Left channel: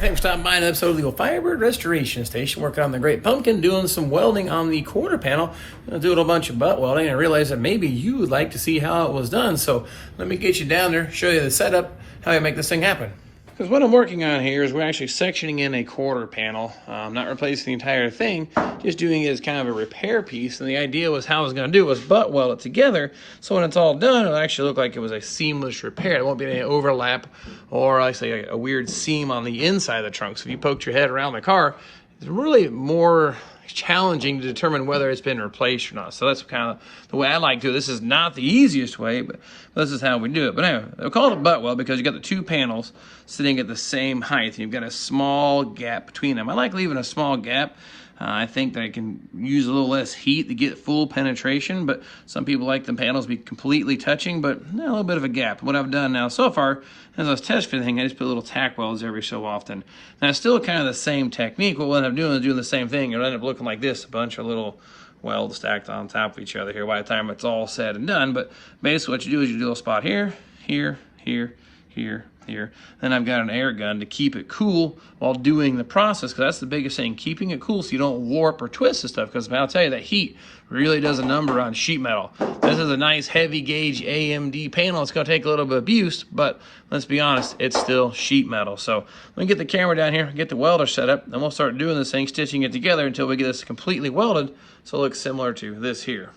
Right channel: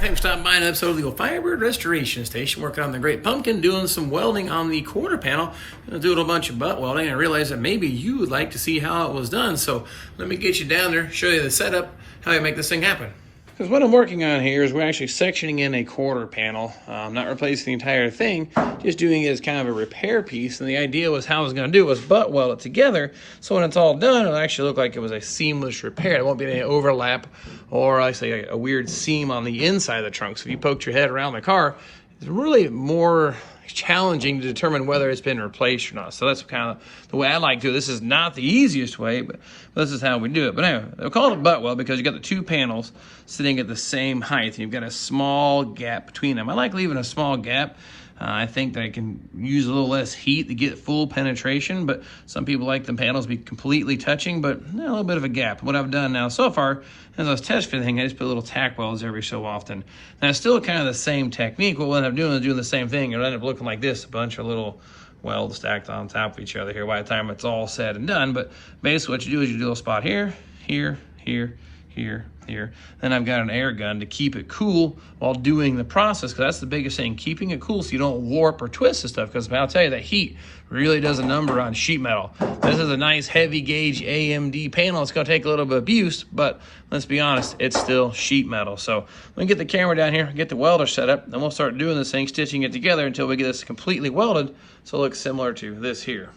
thanks for stopping by an episode of the Firebird Restoration Station, working on the Great Pumpkin, doing some welding on the quarter panel. I'm doing a bunch of butt welding, and I realized that maybe you would like to see how it was done. So let me get you down there, show you the setup, how you make this thing happen. Because what I'm working on here is we're actually sectioning in a quarter panel, not replacing the entire thing, just doing it as kind of a repair piece. And the idea was how I was going to do it was butt weld it together, so when it's all done, it'll actually look like it was a seamless repair. There won't be any overlap or, I say, a weird seam on the inside of the trunk. So if you poked your head around the car, it's really more challenging to determine whether it's been replaced or not. So that's kind of the way I like to do it. This is not the easiest way, but this is how we do it. But anyway, they'll call it a butt weld because you got the two panels sitting at the same height, and you've got a small gap between them. I like leaving a small gap. I think that it can use a little less heat to get full penetration, but some people like the panels to be completely touching, but a little bit of a gap. What I've done now so far, as I was test fitting, I just put little tack welds every so often. Now, it's still kind of the same technique. What we'll end up doing is doing the same thing. It'll end up looking like this, a bunch of little welds stacked on top of each other here by the time it's all said and done. But basically what you do is you do a spot here, here, here, here, here. Then I've got an air gun to keep it cool while doing the process, because that's the biggest thing, keeping it cool so you don't warp or twist this stuff, because I'll tell you that heat really does a number on sheet metal. This is a nice heavy gauge AMD panel. It's going to take a little bit of abuse, but let's be honest, it's still sheet metal. So let me get the camera down here, get the welder set up, and we'll start doing this thing, stitching it together until we get this completely welded so it looks similar to this here.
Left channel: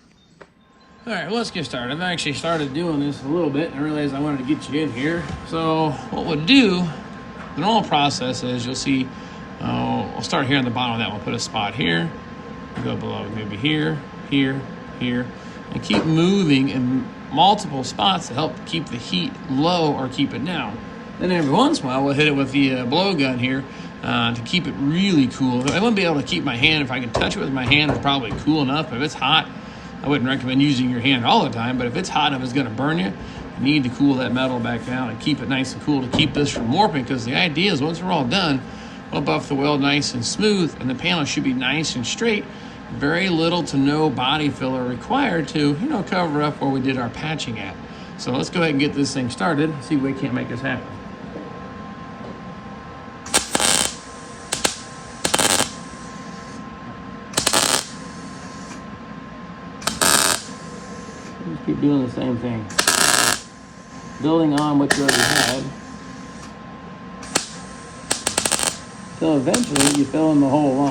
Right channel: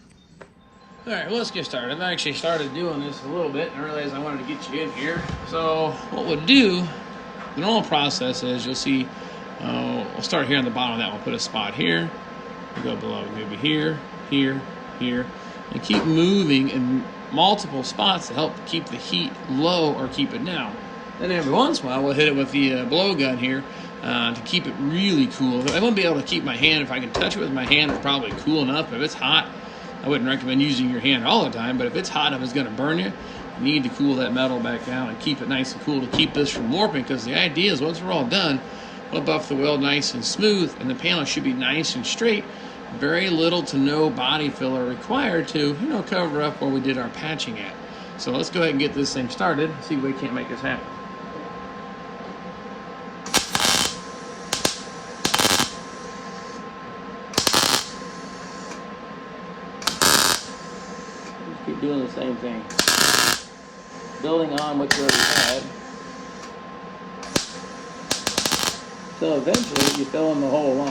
All right, well, let's get started. I've actually started doing this a little bit, and I realized I wanted to get you in here. So what we'll do, the normal process is you'll see, I'll start here on the bottom of that one, put a spot here, go below, maybe here, here, here, and keep moving in multiple spots to help keep the heat low or keep it down. Then every once in a while, we'll hit it with the blowgun here to keep it really cool. I wouldn't be able to keep my hand, if I can touch it with my hand, it's probably cool enough. If it's hot, I wouldn't recommend using your hand all the time, but if it's hot, if it's gonna burn you, you need to cool that metal back down and keep it nice and cool to keep this from warping, because the idea is once we're all done, we'll buff the weld nice and smooth, and the panel should be nice and straight. Very little to no body filler required to, cover up where we did our patching at. So let's go ahead and get this thing started and see if we can't make this happen. Just keep doing the same thing. Building on what you already had. So eventually you fill in the whole line.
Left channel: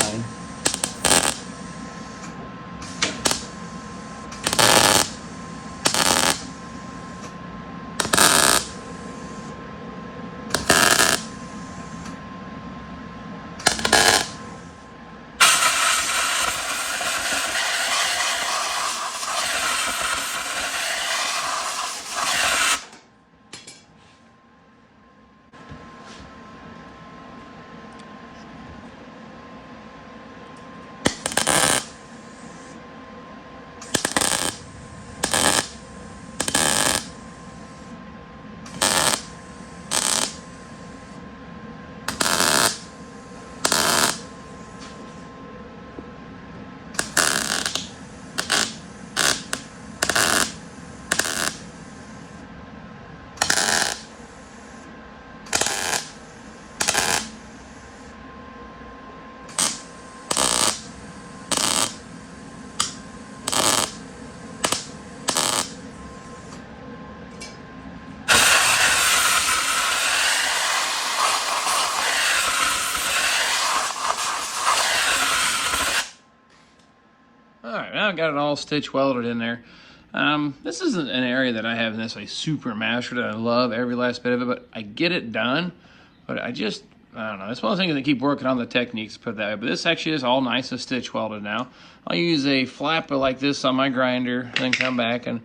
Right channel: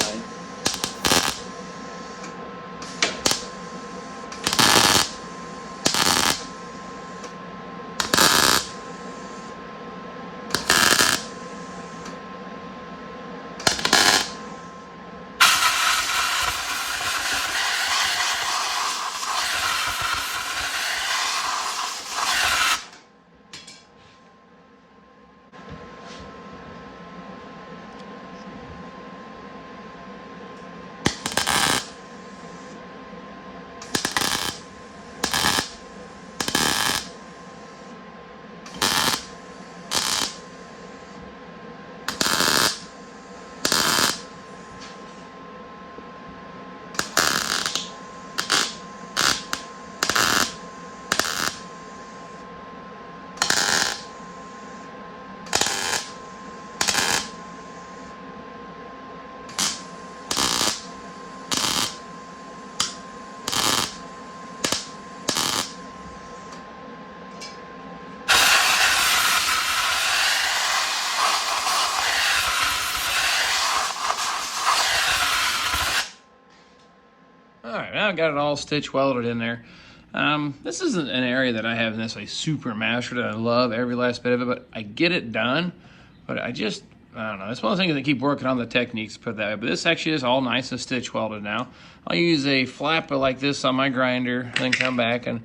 Now I've got it all stitch welded in there. This isn't an area that I have necessarily super mastered. I love every last bit of it, but I get it done. But I don't know. It's one of the things that keep working on the techniques, put that way. But this actually is all nice and stitch welded now. I'll use a flapper like this on my grinder, then come back and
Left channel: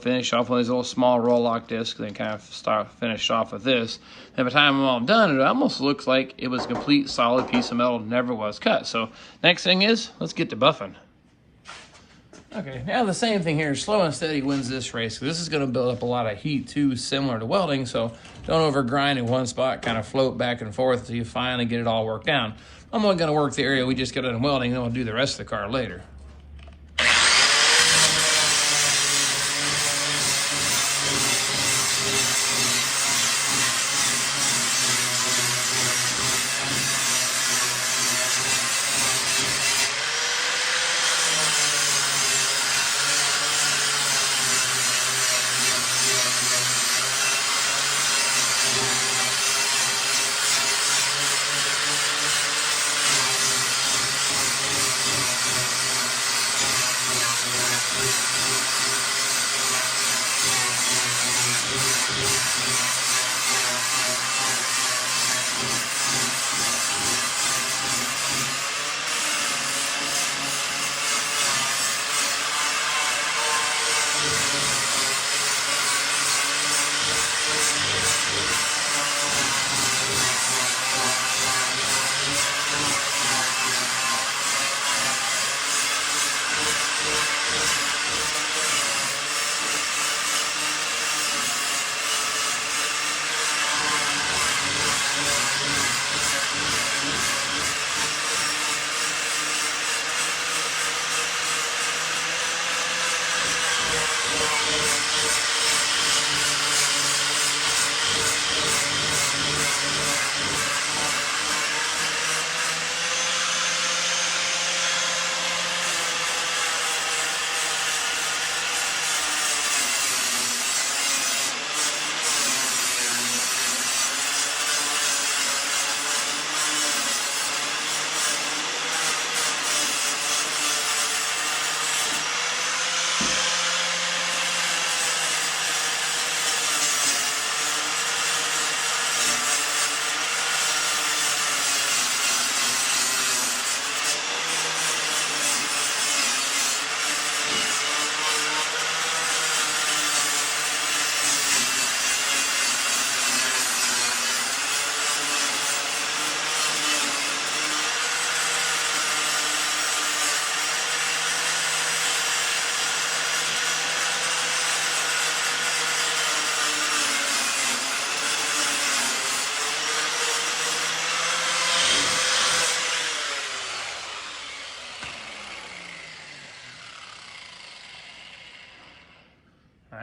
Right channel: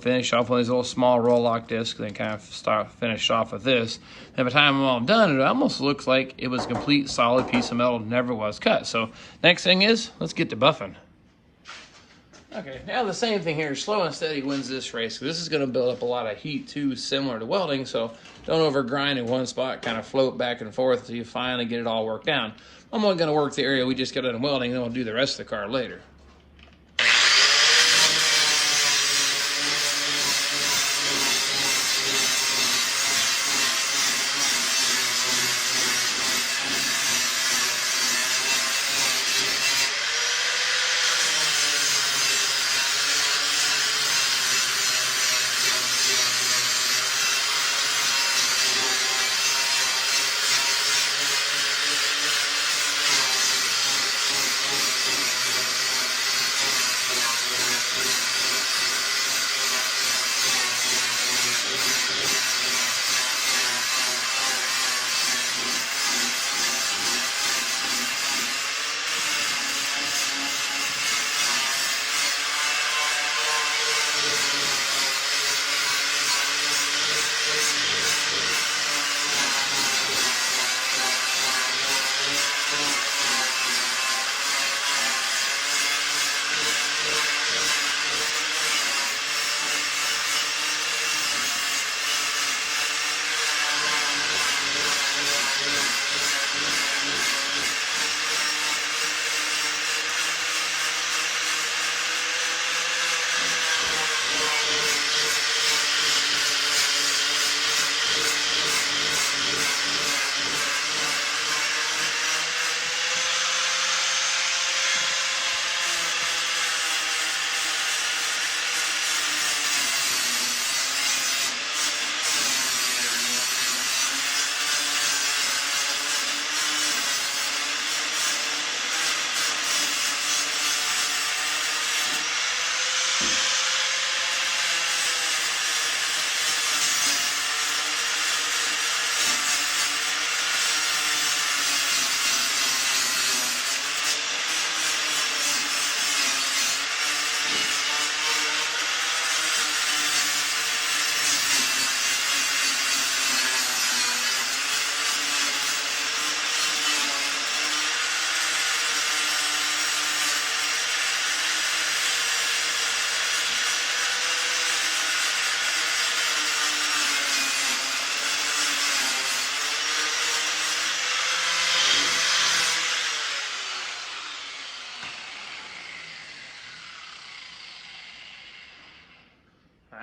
finish off with these little small roll lock discs, then kind of finish off with this. And by the time I'm all done, it almost looks like it was a complete solid piece of metal, never was cut. So next thing is, let's get to buffing. Okay, now the same thing here, slow and steady wins this race. This is going to build up a lot of heat too, similar to welding, so don't over grind in one spot, kind of float back and forth until you finally get it all worked out. I'm not going to work the area we just got done welding, then we'll do the rest of the car later.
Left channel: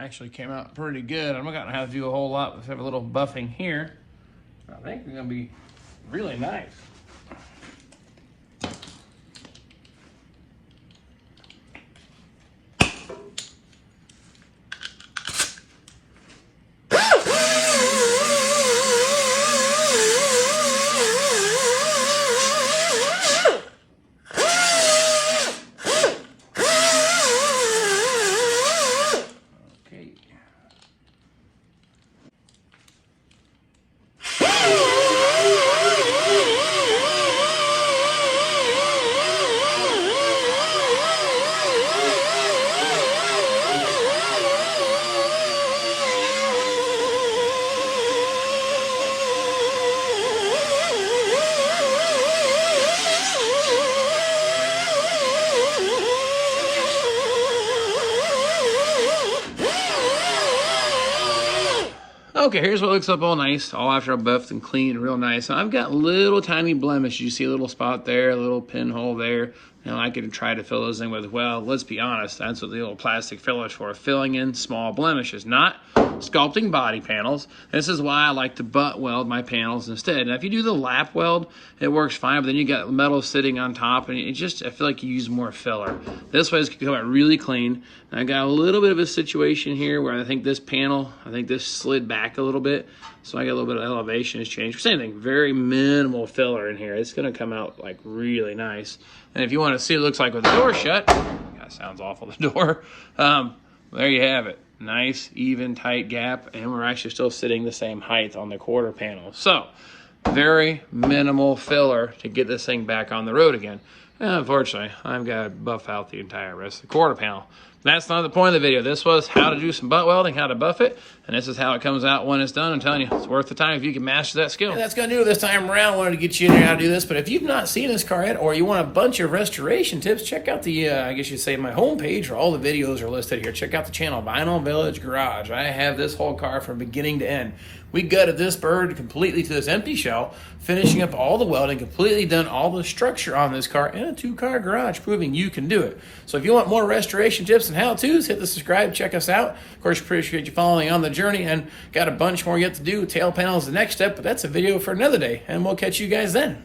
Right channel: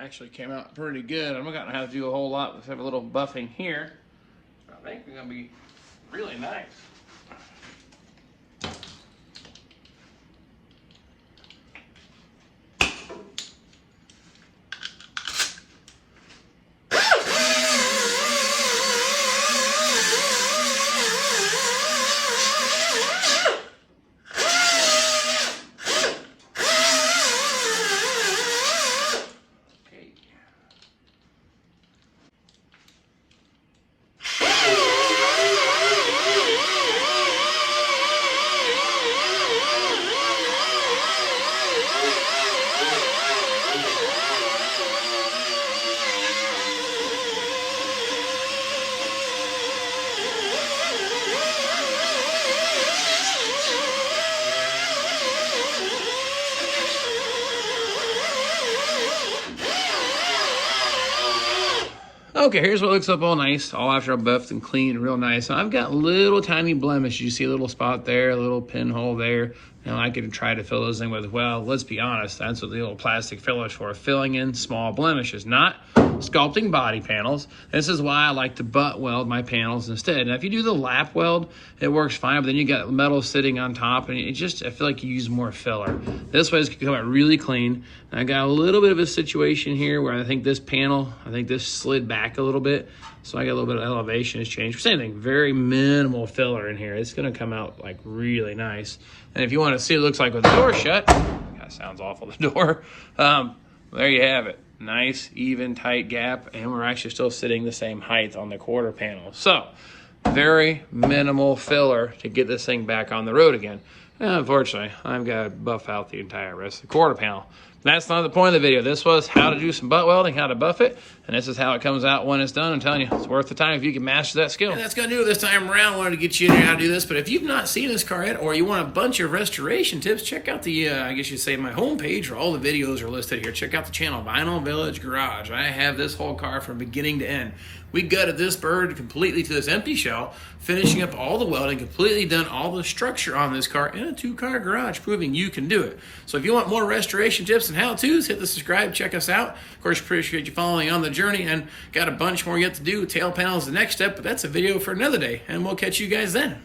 Actually came out pretty good. I'm not gonna have to do a whole lot with a little buffing here. I think it's gonna be really nice. Okay, here's what looks up all nice, all after I buffed and cleaned real nice. So I've got little tiny blemishes. You see a little spot there, a little pinhole there. And I could try to fill those in with, well, let's be honest, that's what the little plastic filler's for, filling in small blemishes, not sculpting body panels. This is why I like to butt weld my panels instead. And if you do the lap weld, it works fine, but then you got metal sitting on top, and it just, I feel like you use more filler. This way it's gonna come out really clean. And I got a little bit of a situation here where I think this panel, this slid back a little bit. So I got a little bit of elevation has changed. Same thing, very minimal filler in here. It's gonna come out like really nice. And if you want to see what it looks like with the door shut, that sounds awful, the door. There you have it. Nice, even, tight gap, and we're actually still sitting the same height on the quarter panel. So, very minimal filler to get this thing back on the road again. And unfortunately, I've got to buff out the entire rest of the quarter panel. That's not the point of the video. This was how to do some butt welding, how to buff it, and this is how it comes out when it's done. I'm telling you, it's worth the time if you can master that skill. And that's going to do it this time around. Wanted to get you in here how to do this, but if you've not seen this car yet, or you want a bunch of restoration tips, check out the, I guess you'd say, my homepage, where all the videos are listed here. Check out the channel, Vinyl Village Garage. I have this whole car from beginning to end. We gutted this bird completely to this empty shell, finishing up all the welding, completely done all the structure on this car in a 2-car garage, proving you can do it. So if you want more restoration tips and how-tos, hit the subscribe, check us out. Of course, appreciate you following on the journey, and got a bunch more yet to do. Tail panel is the next step, but that's a video for another day, and we'll catch you guys then.